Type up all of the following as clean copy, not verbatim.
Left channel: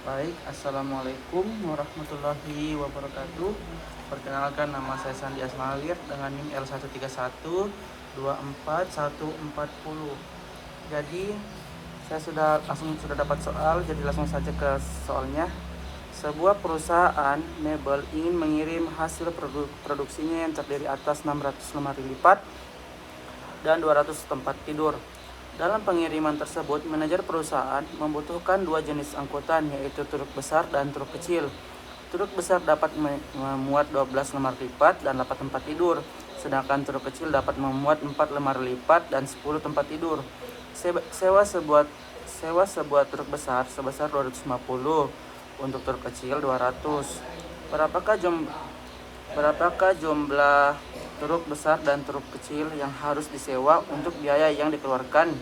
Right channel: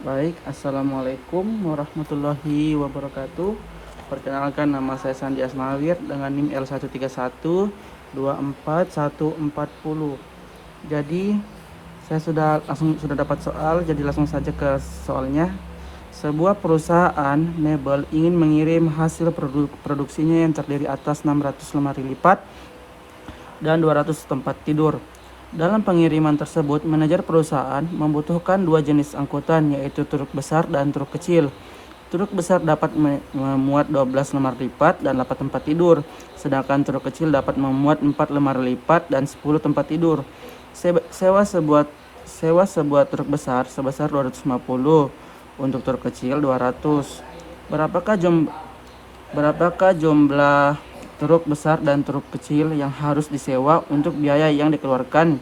Baik, Assalamualaikum warahmatullahi wabarakatuh. Perkenalkan, nama saya Sandi Asmalir dengan NIM L1311440. Jadi saya sudah dapat soal, jadi langsung saja ke soalnya. Sebuah perusahaan mebel ingin mengirim hasil produksinya yang terdiri atas 600 lemari lipat dan 200 tempat tidur. Dalam pengiriman tersebut, manajer perusahaan membutuhkan dua jenis angkutan, yaitu truk besar dan truk kecil. Truk besar dapat memuat 12 lemari lipat dan 8 tempat tidur, sedangkan truk kecil dapat memuat 4 lemari lipat dan 10 tempat tidur. Sewa sebuah truk besar sebesar 250, untuk truk kecil 200. Berapakah jumlah truk besar dan truk kecil yang harus disewa untuk biaya yang dikeluarkan?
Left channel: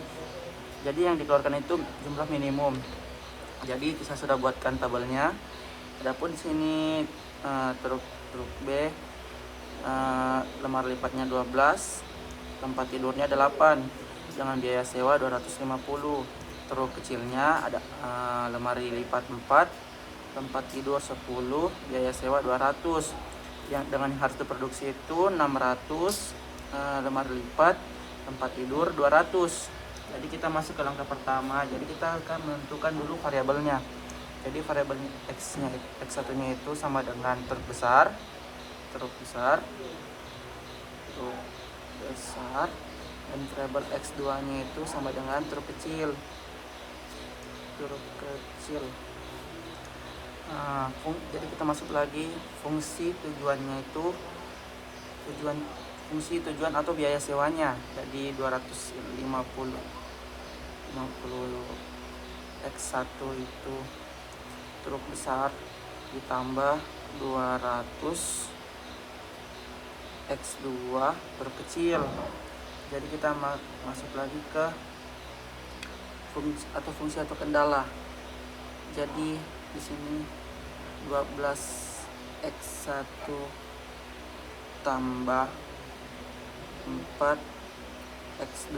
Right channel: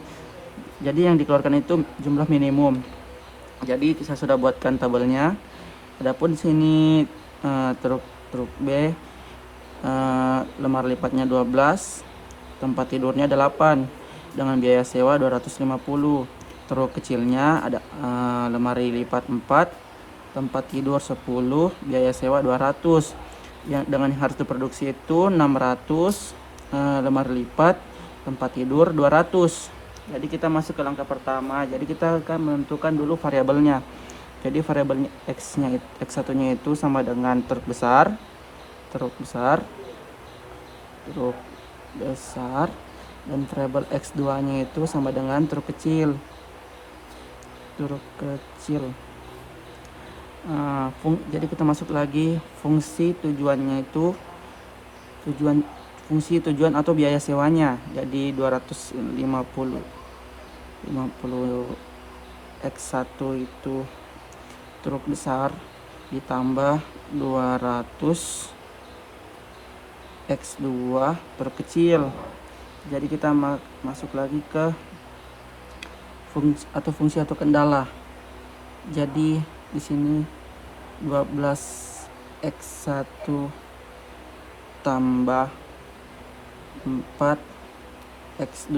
Jadi yang dikeluarkan itu jumlah minimum. Jadi saya sudah buatkan tabelnya. Adapun sini truk truk B, lemari lipatnya 12, tempat tidurnya 8 dengan biaya sewa 250. Truk kecilnya ada lemari lipat 4, tempat tidur 10, biaya sewa 200. Yang dengan harus diproduksi itu 600 lemari lipat, tempat tidur 200. Jadi kita masuk ke langkah pertama. Jadi kita akan menentukan dulu variabelnya. Jadi variabel X1-nya itu sama dengan truk besar, truk besar, truk besar, dan variabel X2-nya itu sama dengan truk kecil, truk kecil. Nah, jadi kita masuk lagi fungsi tujuannya itu fungsi tujuan atau biaya sewanya. Jadi 250 X1 itu truk besar ditambah 200 X2 truk kecil. Jadi kita masuk lagi ke fungsi atau kendala. Jadi di sini 12 X1 tambah 4 X2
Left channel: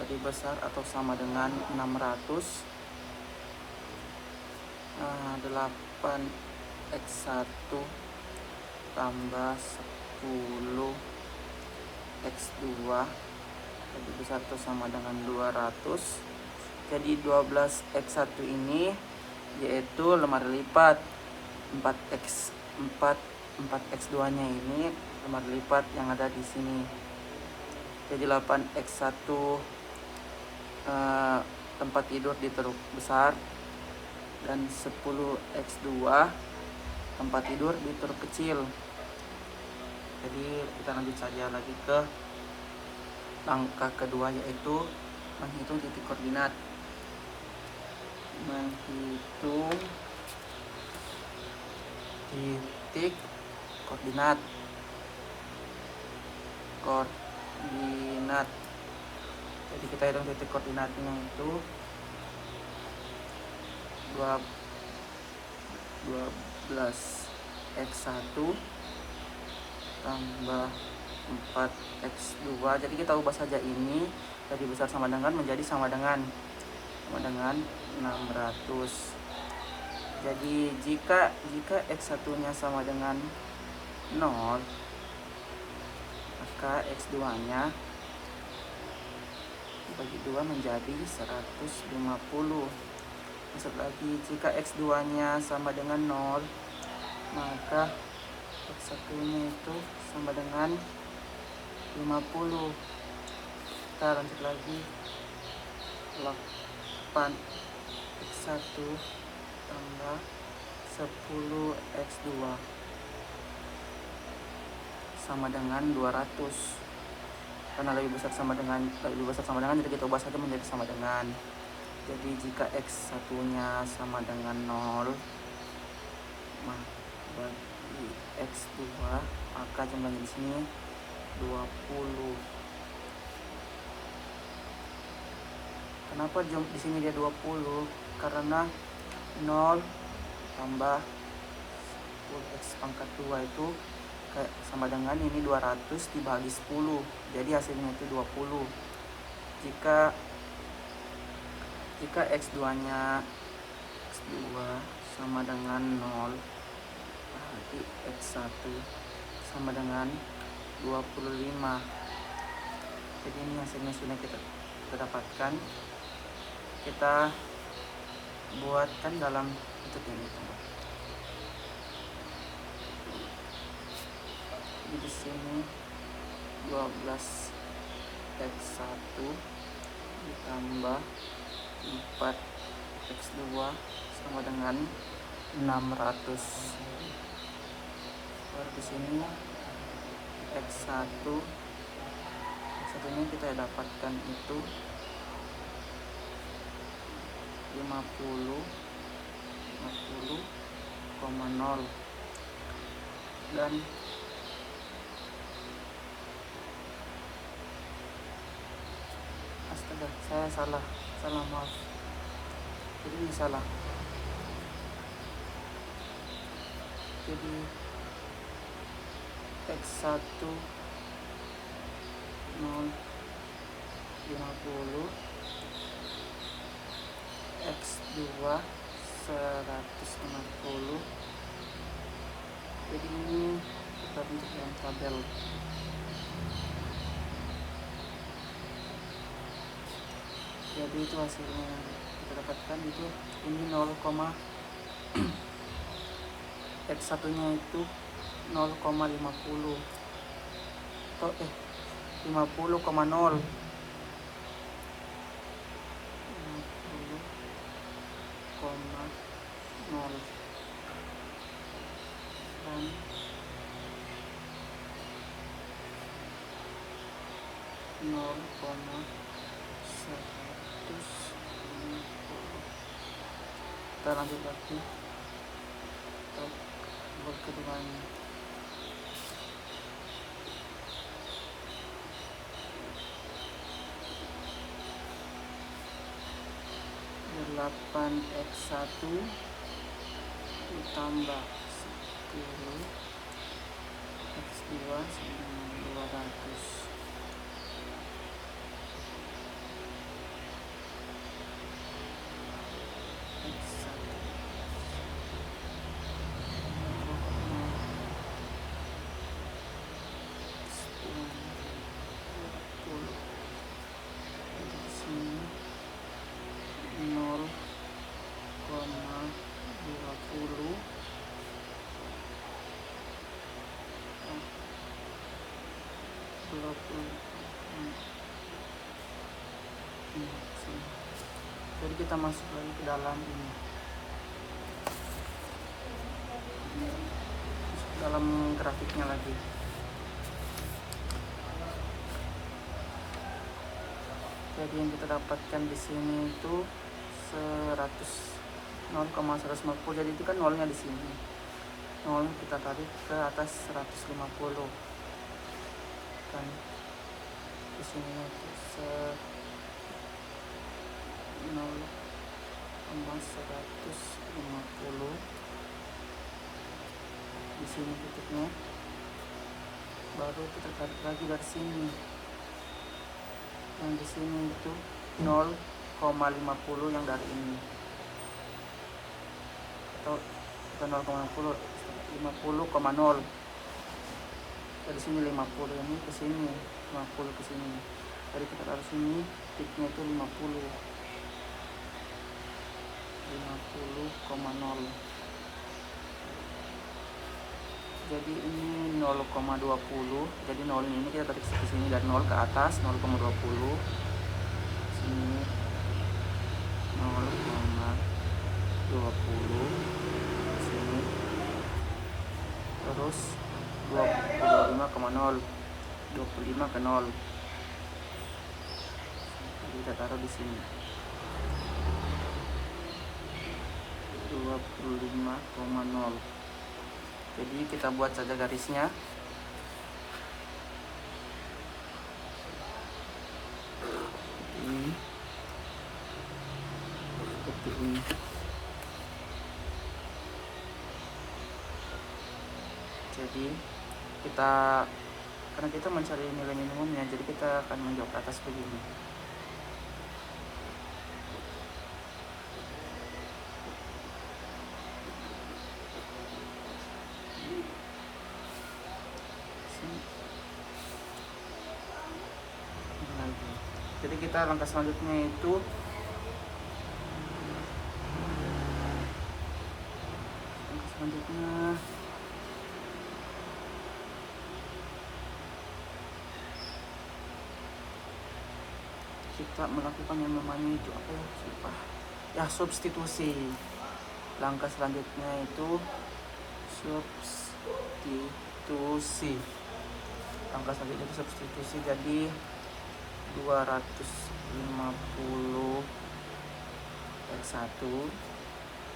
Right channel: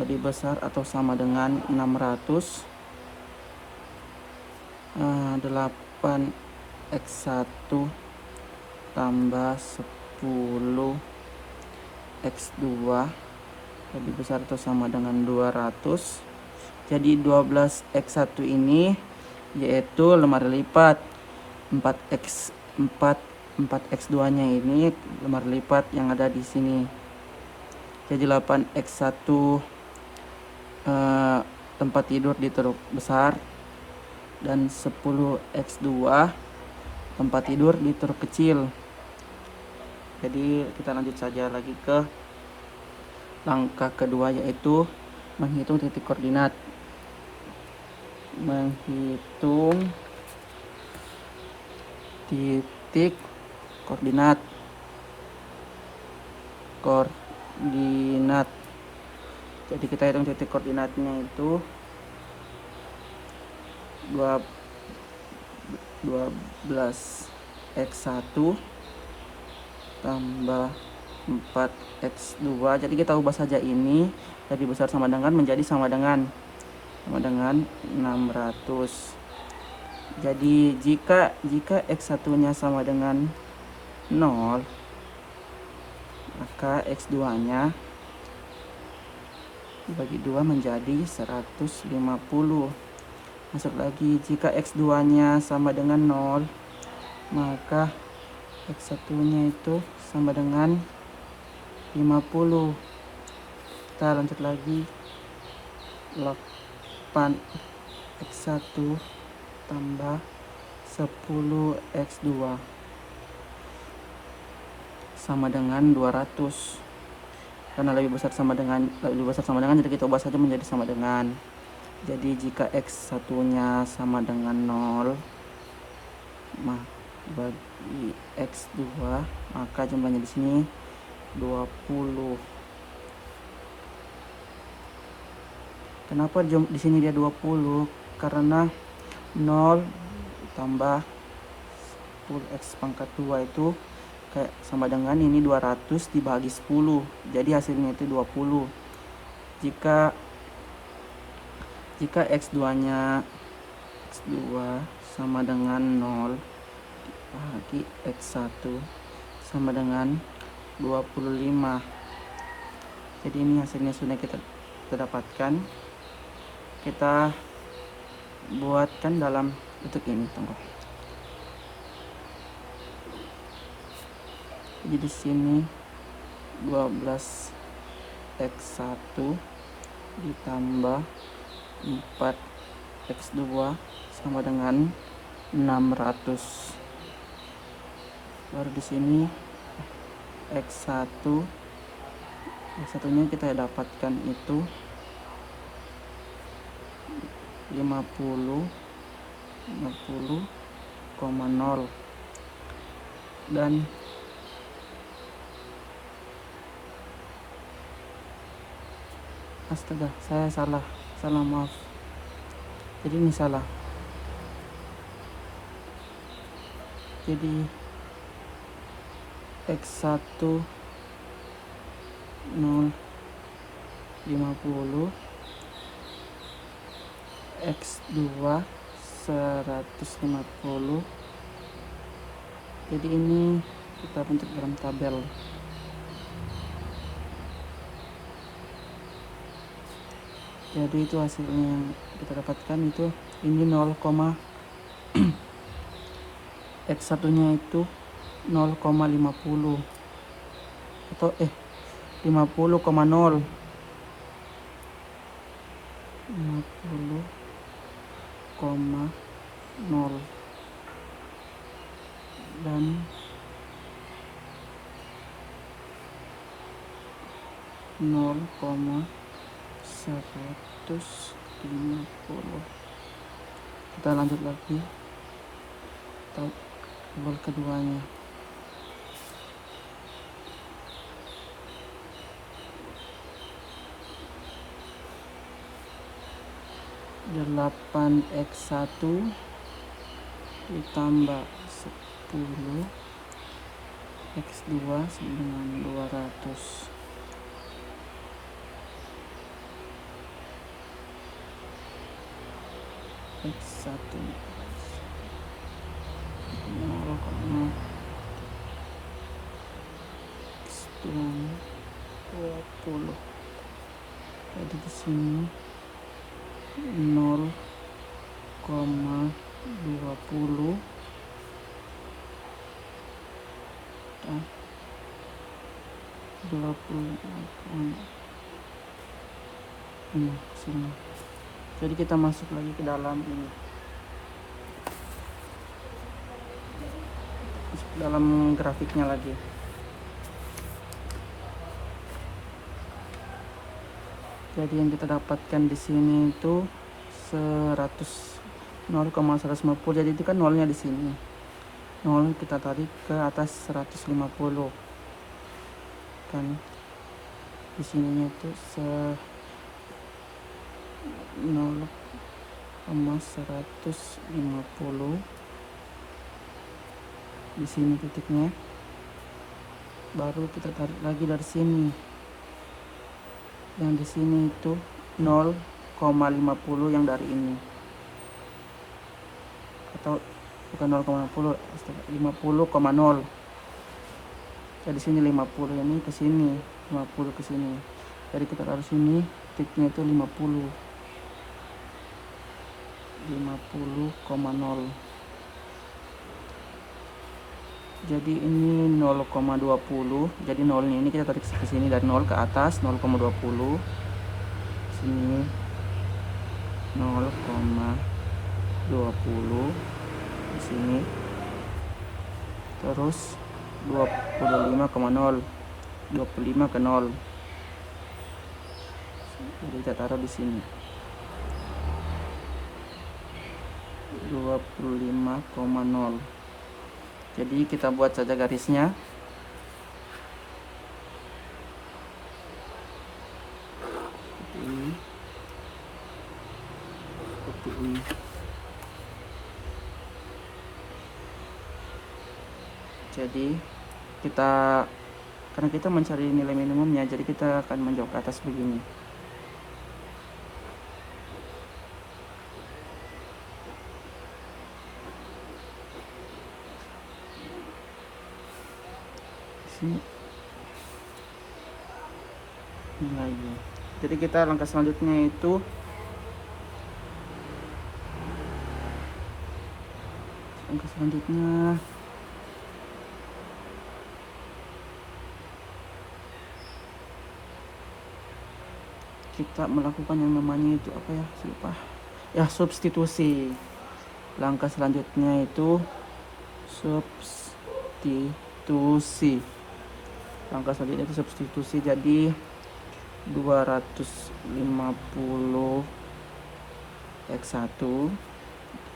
lebih besar atau sama dengan 600. 8 X1 tambah 10 X2 lebih besar atau sama dengan 200. Jadi 12 X1 ini yaitu lemari lipat, 4 X2 nya ini lemari lipat yang ada di sini. Jadi 8 X1 tempat tidur di truk besar dan 10 X2 tempat tidur di truk kecil. Jadi kita lanjut saja lagi ke langkah kedua, yaitu menghitung titik koordinat. Menghitung titik koordinat. Jadi kita hitung titik koordinatnya itu 12 X1 tambah 4 X2. Jadi kita ubah saja ini dari besar sama dengan menjadi sama dengan 600. Jadi jika X1 nya sama dengan 0, maka X2 nya bagi 2 menjadi 150. Masuk lagi, jika X2 nya sama dengan 0, maka X1 nya itu sama dengan 50. Kita lanjut lagi, 8 X1 tambah 10 X2 sama dengan 200. Karena lebih besar sama dengan jadi kita ubah saja menjadi sama dengan. Jadi jika X1 nya sama dengan 0, nah bagi X2 maka jumlahnya di sini 20. Kenapa di sini dia 20? Karena 0 tambah X pangkat 2 itu sama dengan ini 200 dibagi 10. Jadi hasilnya itu 20. Jika Jika X2 nya X2 sama dengan 0, berarti X1 sama dengan 25. Jadi ini hasilnya sudah kita dapatkan. Kita buatkan dalam bentuk ini. Jadi di sini 12 X1 ditambah 4 X2 sama dengan 600. Lalu di sini X1 ini kita dapatkan itu 50,0 dan astaga, saya salah maaf, jadi ini salah. Jadi X1 50, X2 150. Jadi ini kita bentuk dalam tabel. Jadi itu hasilnya kita dapatkan itu ini 0, X1 nya itu 0,50 atau 50,0 50,0 dan 0,150. Kita lanjut lagi tabel keduanya. Delapan X1 ditambah 10 X2 sama 200. X1 20. Jadi di sini 0,20 sini. Jadi kita masuk lagi ke dalam ini, dalam grafiknya lagi. Jadi yang kita dapatkan di sini itu 0,150. Jadi itu kan nolnya di sini. Nol kita tarik ke atas 150. Kan di sini itu 0,150. Di sini titiknya. Baru kita tarik lagi dari sini. Dan di sini itu 0,50 yang dari ini. Atau kita 0,50 50,0. Dari sini 50, ini ke sini 50 ke sini. Jadi kita dari sini titiknya itu 50,0. Jadi ini 0,20. Jadi nolnya ini kita tarik ke sini dari 0 ke atas 0,20. Sini 0,20 sini, terus 25,0 25 ke 0. Jadi kita taruh di sini 25,0. Jadi kita buat saja garisnya. Seperti ini. Jadi karena kita mencari nilai minimumnya, jadi kita akan menjauh ke atas begini. sini. Jadi kita langkah selanjutnya itu kita melakukan yang namanya itu apa ya, substitusi. Langkah selanjutnya itu substitusi. Langkah selanjutnya itu substitusi. Jadi 250 X1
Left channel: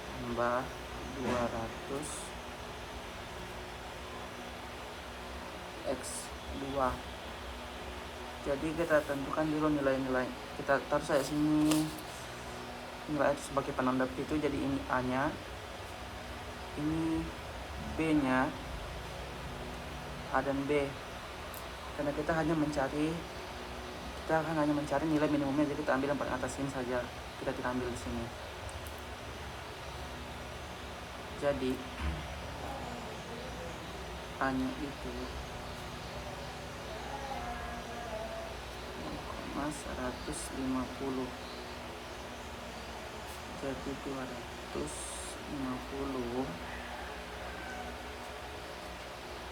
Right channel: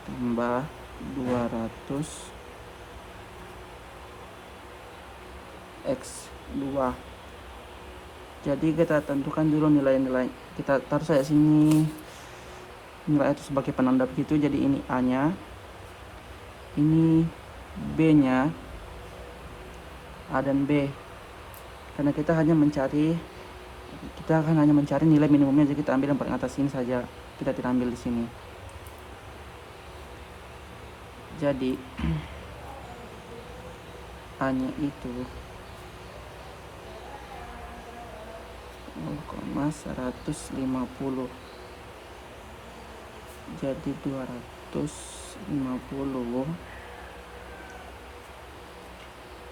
tambah 200 X2. Jadi kita tentukan dulu nilai-nilai. Kita taruh saya sini nilai itu sebagai penanda begitu. Jadi ini A nya, ini B nya, A dan B. Karena kita hanya mencari nilai minimumnya, jadi kita ambil yang paling atas ini saja, kita tidak ambil di sini. Jadi A nya itu 150, jadi 250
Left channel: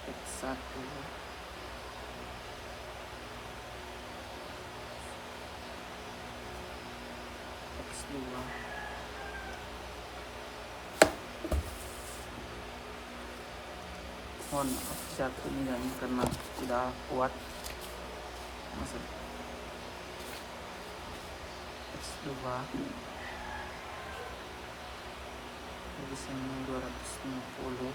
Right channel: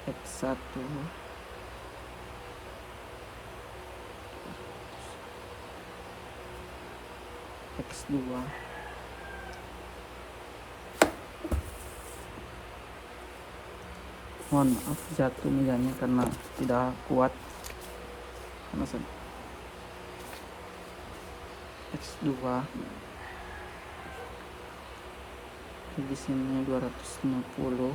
X1 X2. Mohon jatuh nilainya karena sudah kuat. X2 di sini 250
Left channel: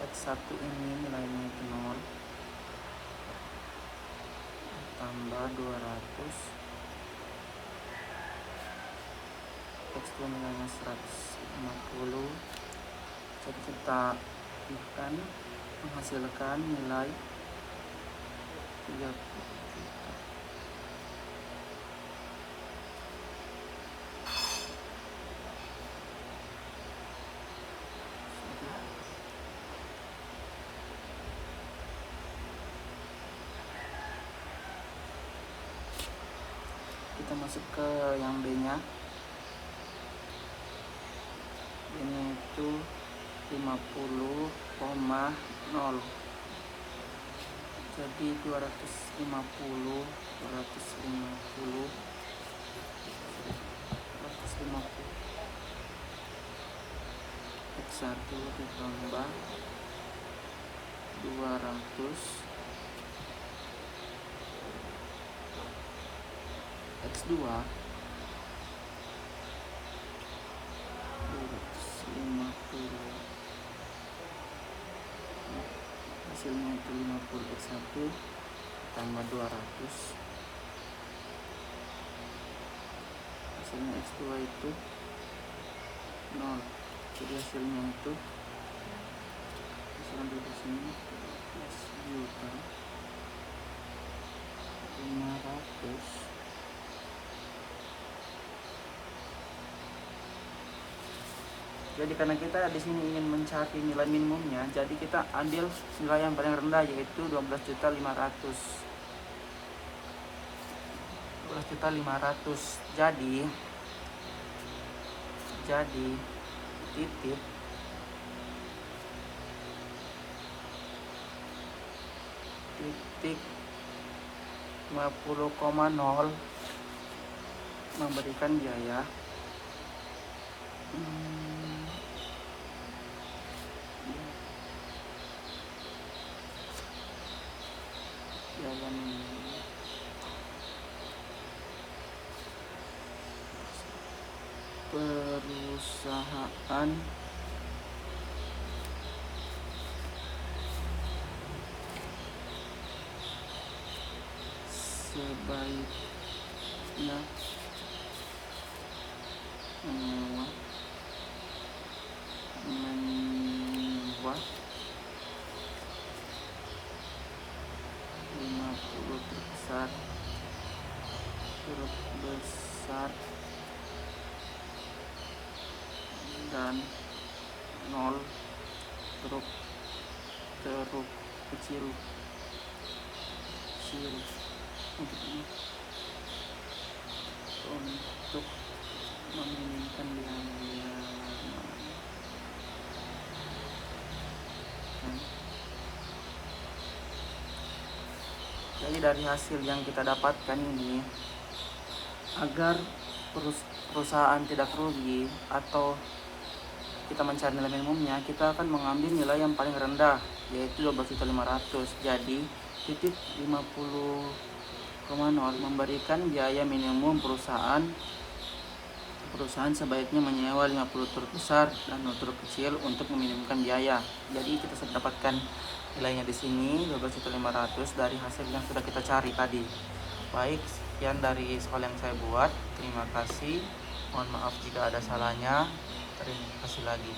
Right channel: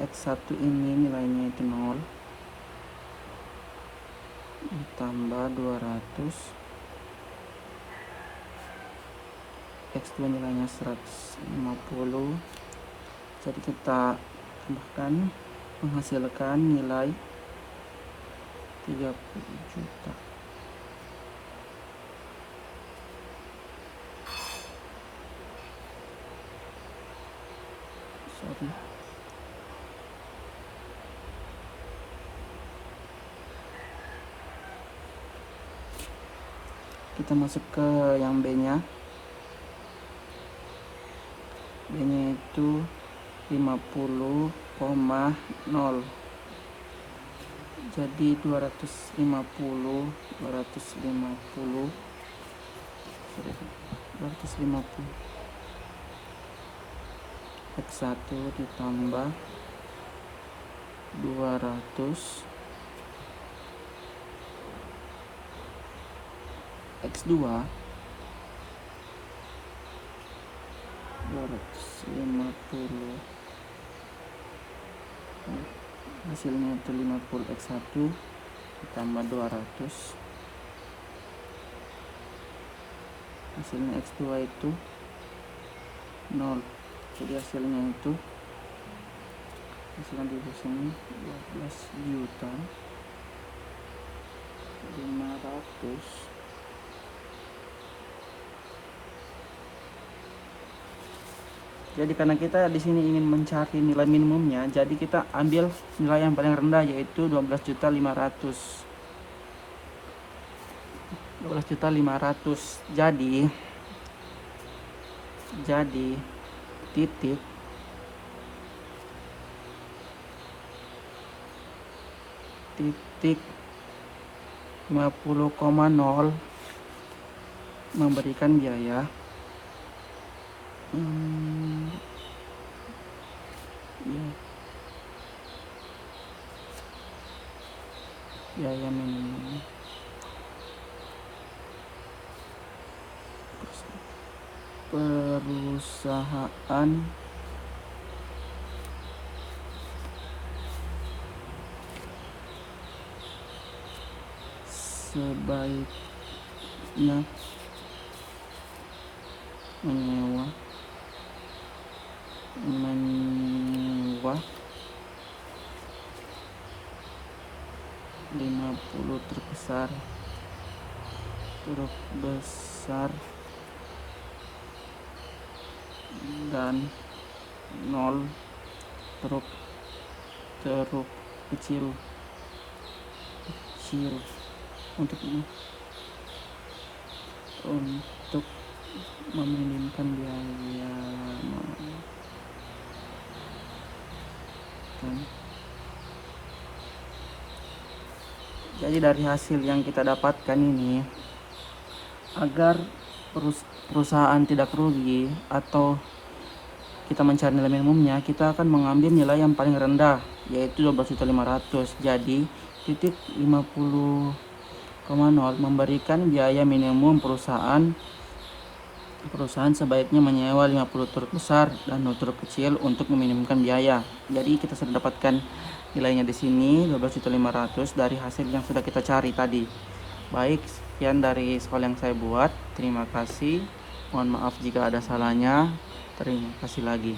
X1 ini nilainya itu 0 ditambah 200 X2 nilainya 150. Jadi kita akan menghasilkan nilai 30 juta. Kita masuk ke yang B nya. Ini itu 50,0, jadi 250 X1 ditambah 200 X2 250, hasilnya itu 50 X1 ditambah 200, hasilnya X2 itu 0. Jadi hasilnya itu hasilnya di sini 12 juta 500. Jadi karena kita di sini ingin mencari nilai minimumnya, jadi kita ambil nilai yang paling rendah, yaitu 12.500. 12.500. Jadi titik titik 50,0 memberikan biaya perusahaan sebaiknya menyewa 50 terbesar, huruf besar dan nol huruf kecil untuk meminimkan biaya. Jadi dari hasil yang kita dapatkan ini, agar perusahaan tidak rugi atau kita mencari nilai minimumnya, kita akan mengambil nilai yang paling rendah, yaitu 12.500. Jadi titik 50,0 memberikan biaya minimum perusahaan sebaiknya menyewa 50 truk besar dan 0 truk kecil untuk meminimumkan biaya. Jadi kita sudah dapatkan nilainya di sini 12.500 dari hasil yang sudah kita cari tadi. Baik, sekian dari soal yang saya buat. Terima kasih. Mohon maaf jika ada salahnya. Terima kasih lagi.